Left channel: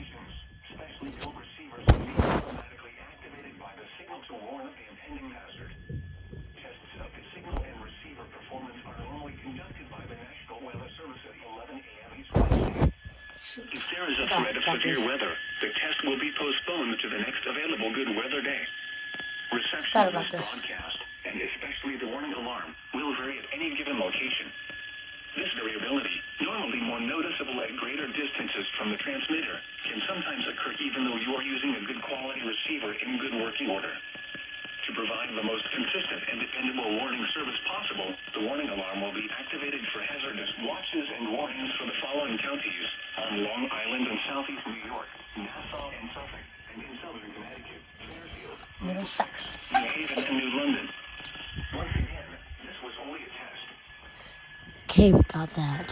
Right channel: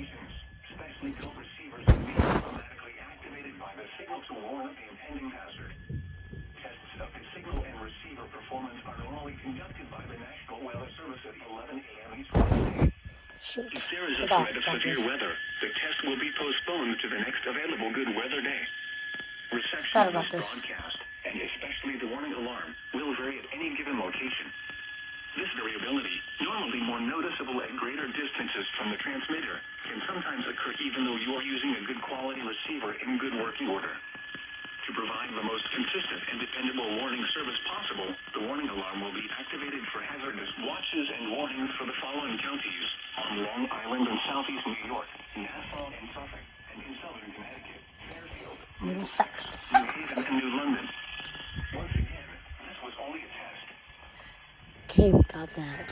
situations. Specially built receivers will be automatically activated by the signal to warn of the impending hazard. Tests of the signal and receiver performance are normally conducted by the National Weather Service at 11 a.m. each Wednesday. If there is a threat of severe weather, the test will be postponed to the next available good weather day. Reception of this broadcast, and especially the warning alarm, will vary at any given location. This variability, normally more noticeable at greater distances from the transmitter, can sometimes occur even though you are using a good quality receiver in good working order. To provide the most consistent and dependable warning service possible, the warning alarm will be activated for hazardous watches and warnings for the following counties on Long Island and southeast New York, Nassau and Suffolk, and in southern Connecticut, Middlesex, New Haven, and New London. Once again, this was only a test. Okay, we got that.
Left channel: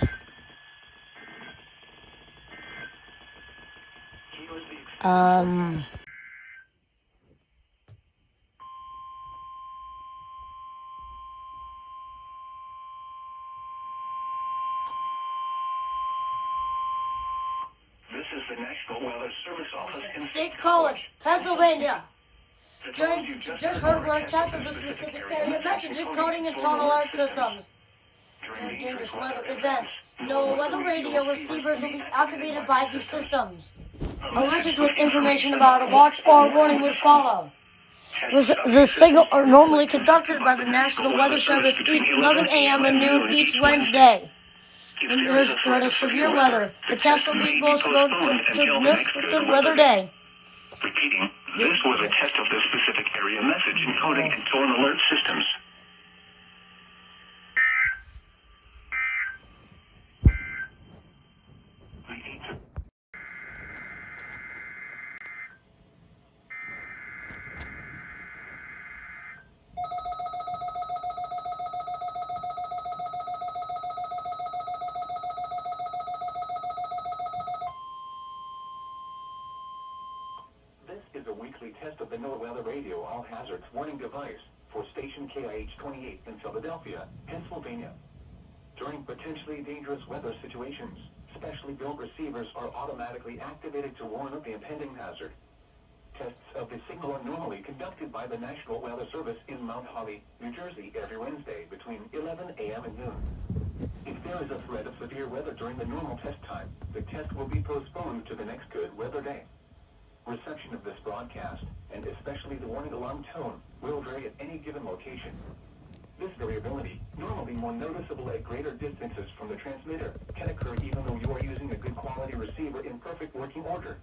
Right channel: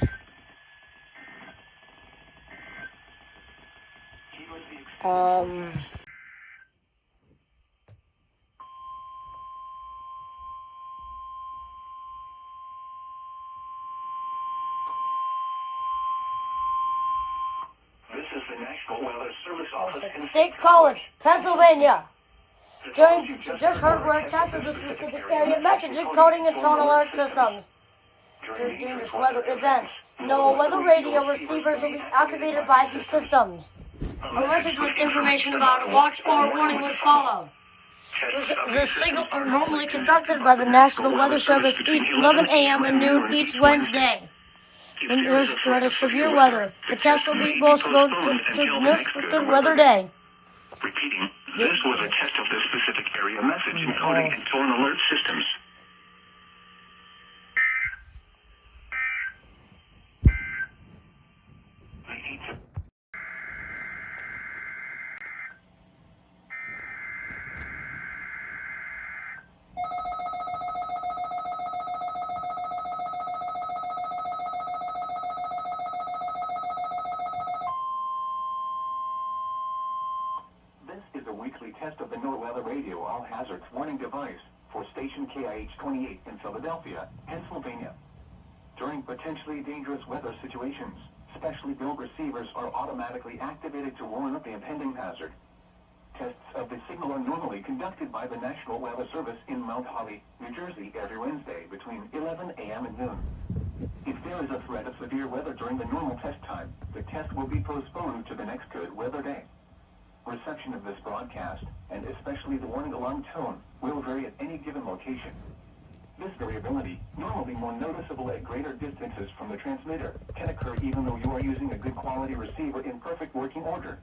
This is the National Weather Service Office in State College, Pennsylvania. Just heard where a test of the specific area messaging, coding, and tone alert systems. During dangerous weather events, no weather radio receivers will be activated by these systems. A message with information about a watch or warning will follow. The signal are normally conducted by the National Weather Service each 11 a.m. and noon each Wednesday. When there's a threat of severe weather, the test will be postponed to the next good weather day. Repeating, this was a test of the specific area message encoding and tone alert systems. This is a weekly test of the NOAA Weather Radio All Hazards Warning Device for station KIH-28 in Philadelphia, Pennsylvania. During potentially dangerous weather situations, specially built receivers are automatically activated to warn of the impending hazard. Tests of the signal are normally conducted by the National Weather Service in Mount Holly, New Jersey every Wednesday between 11 a.m. and noon. If there is a threat of severe weather during the normal test time, the test will be postponed to the next good weather day. Reception of this broadcast, and especially the warning alarm tone, will vary at any given location. This variability, normally more noticeable at greater distances from the transmitter, can occur even though you are using a good quality receiver in perfect working order.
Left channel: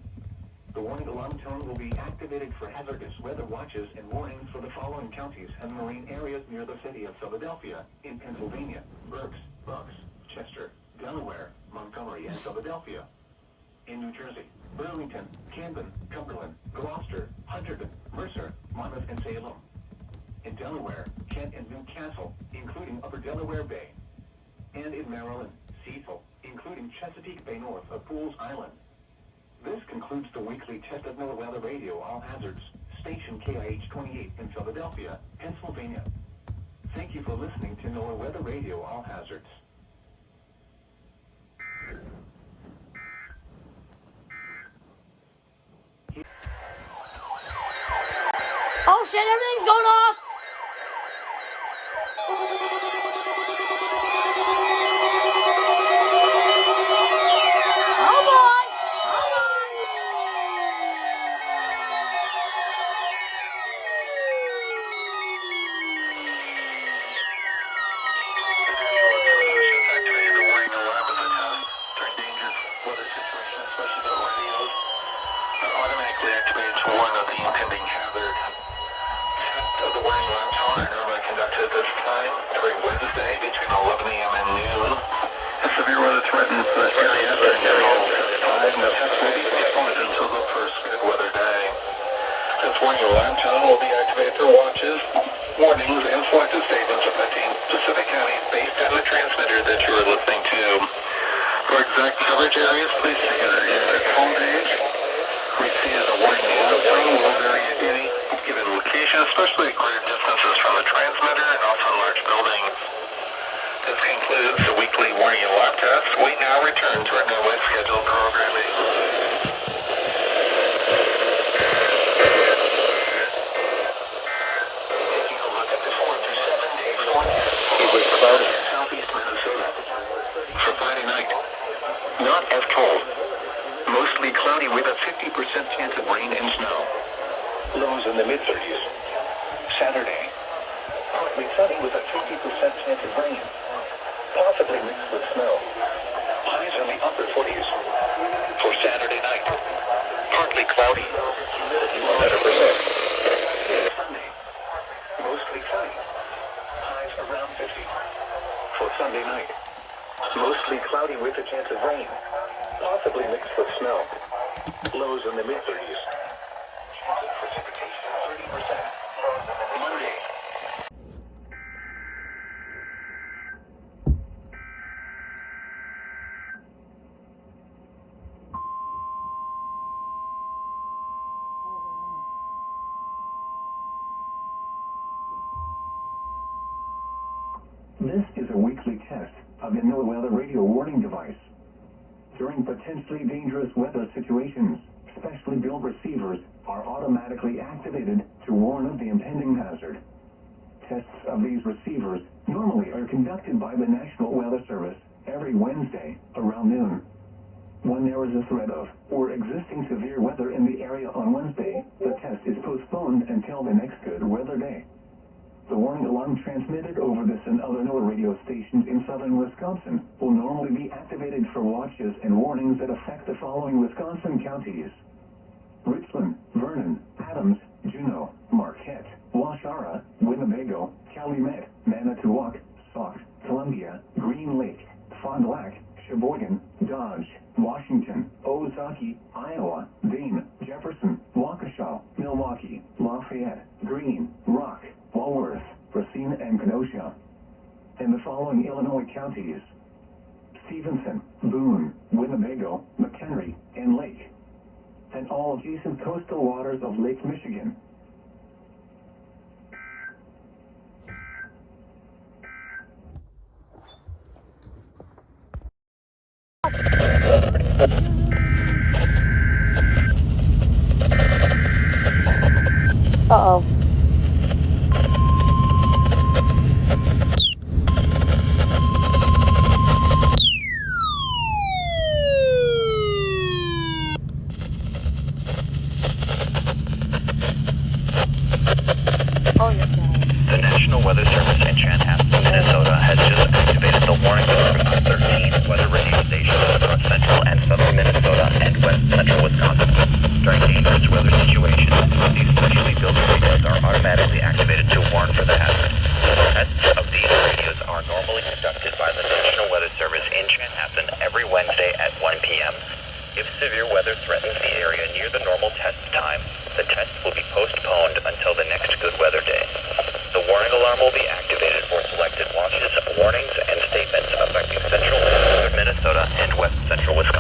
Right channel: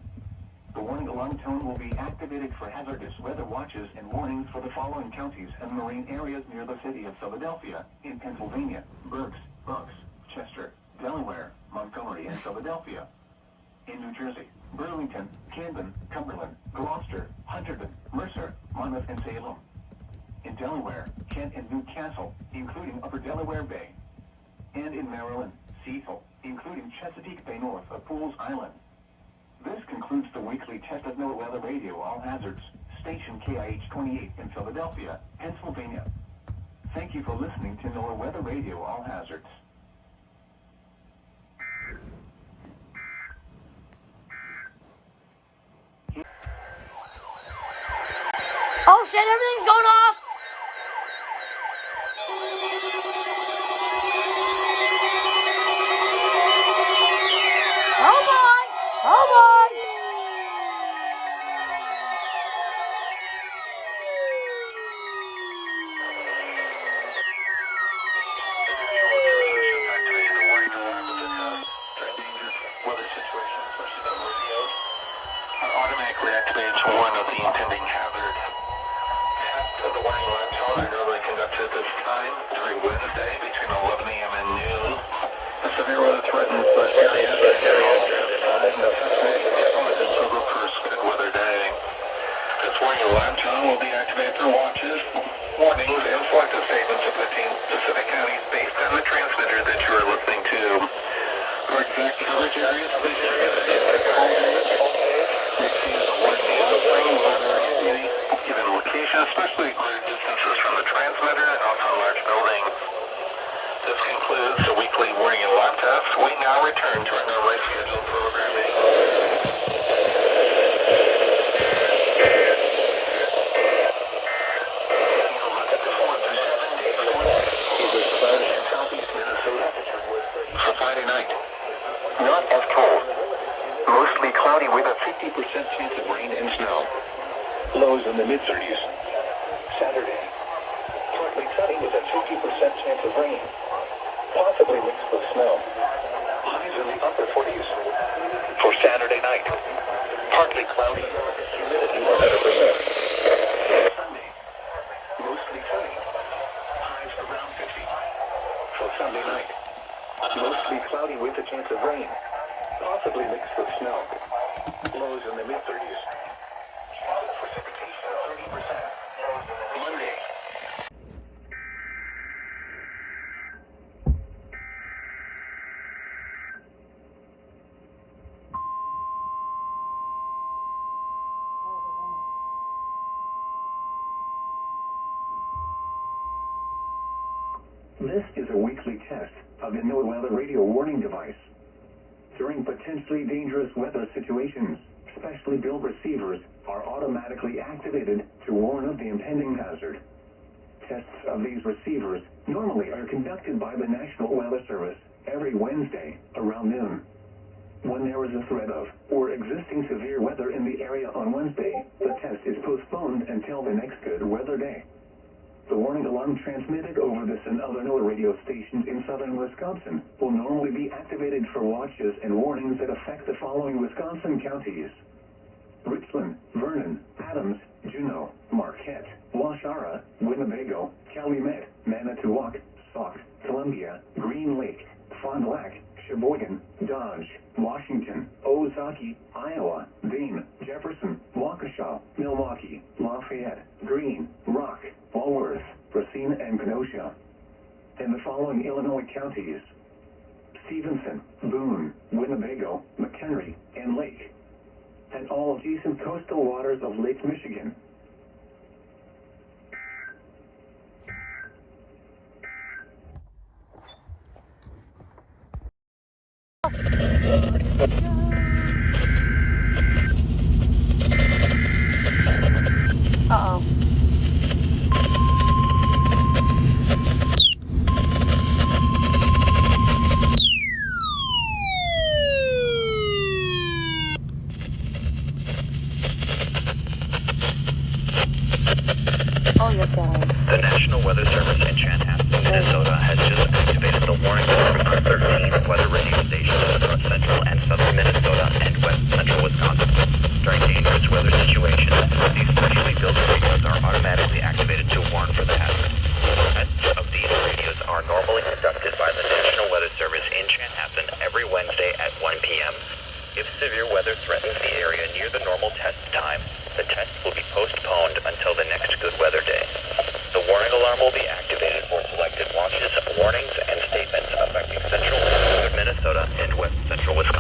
The warning alarm tone will be activated for hazardous weather watches and warnings for the following counties and marine areas near the city of Philadelphia, in Pennsylvania, Berks, Bucks, Chester, Delaware, Montgomery, and Philadelphia. In New Jersey, Burlington, Camden, Cumberland, Gloucester, Hunterdon, Mercer, Monmouth, and Salem. In Delaware, Kent and Newcastle, including Upper Delaware Bay. And in Maryland, Cecil, including Chesapeake Bay north of Fools Island. This concludes the weekly test of NOAA Weather Radio All Hazards, station KIH-28 in Philadelphia, Pennsylvania. Thank you for listening to NOAA Weather Radio All Hazards. Oh shit, everything's going off! Oh boy! Oh boy! Activated the warning alarm of the test during dangerous weather situations, especially the radios. Automatically activated to warn of the impending hazard. Of the warning alarm tone are normally conducted at this time every Wednesday between 11 a.m. and noon. The severe weather threatens the area until the first good weather day. This warning alarm tone will be activated for watches, warnings, and selected statements affecting specific counties based on the transmitter that you are listening to. For exact coverage areas, please check the phone page. Receive the warning will vary at any given location, especially at greater distances from the transmitter and also in large buildings. This concludes the weekly warning alarm test. We now return to our normally scheduled programming. Not as cold. Mostly cloudy with a 50% chance of rain and snow. Lows in the mid-30s. Saturday. Partly sunny with a 50% chance of rain. Possibly mixed with snow. Highs in the upper 40s. For Saturday night. Partly cloudy. Humidity 100%. Sunday. Mostly sunny. Highs around 50. For Sunday night. Mostly cloudy with a chance of rain. Possibly mixed with snow. Lows in the mid-30s. Precipitation 30%. Monday. This is a weekly test of the NOAA radio warning device. During potentially dangerous weather situations, specially built receivers are automatically activated to warn of the impending hazard. Tests of these receivers normally are conducted by the National Weather Service every Wednesday around noon. When there is a threat of or existing severe weather in the area on Wednesday, the test is postponed until the next good weather day. The warning alarm transmitted over this and other NOAA radio stations in southern Wisconsin will normally be activated for watches and warnings that affect the following Wisconsin counties: Richland, Vernon, Adams, Juneau, Marquette, Waushara, Winnebago, Calumet, Manitowoc, Sauk, Columbia, Green Lake, Fond du Lac, Sheboygan, Dodge, Washington, Ozark, Iowa, Dane, Jefferson, Waukesha, Milwaukee, Lafayette, Greene, Rock, Walworth, Racine, and Kenosha. And the following Illinois counties: Stevenson, Boone, Winnebago, McHenry, and Lake. And all adjacent coastal waters of Lake Michigan. Uh-oh. Oh, yes, The National Weather Service in Chanhassen, Minnesota has just activated the warning system on 13 weather radio stations across central and southern Minnesota and west central Wisconsin. During dangerous weather situations, these specially built radios are automatically activated to warn for the hazard. Tests of these radios are normally conducted by the National Weather Service in Chanhassen every Wednesday at 1 p.m. If severe weather threatens the area near the normal test time, the test will be postponed until the next good weather day. The warning alarm will be activated for selected watches, warnings, and statements affecting central and southern Minnesota and west central Wisconsin.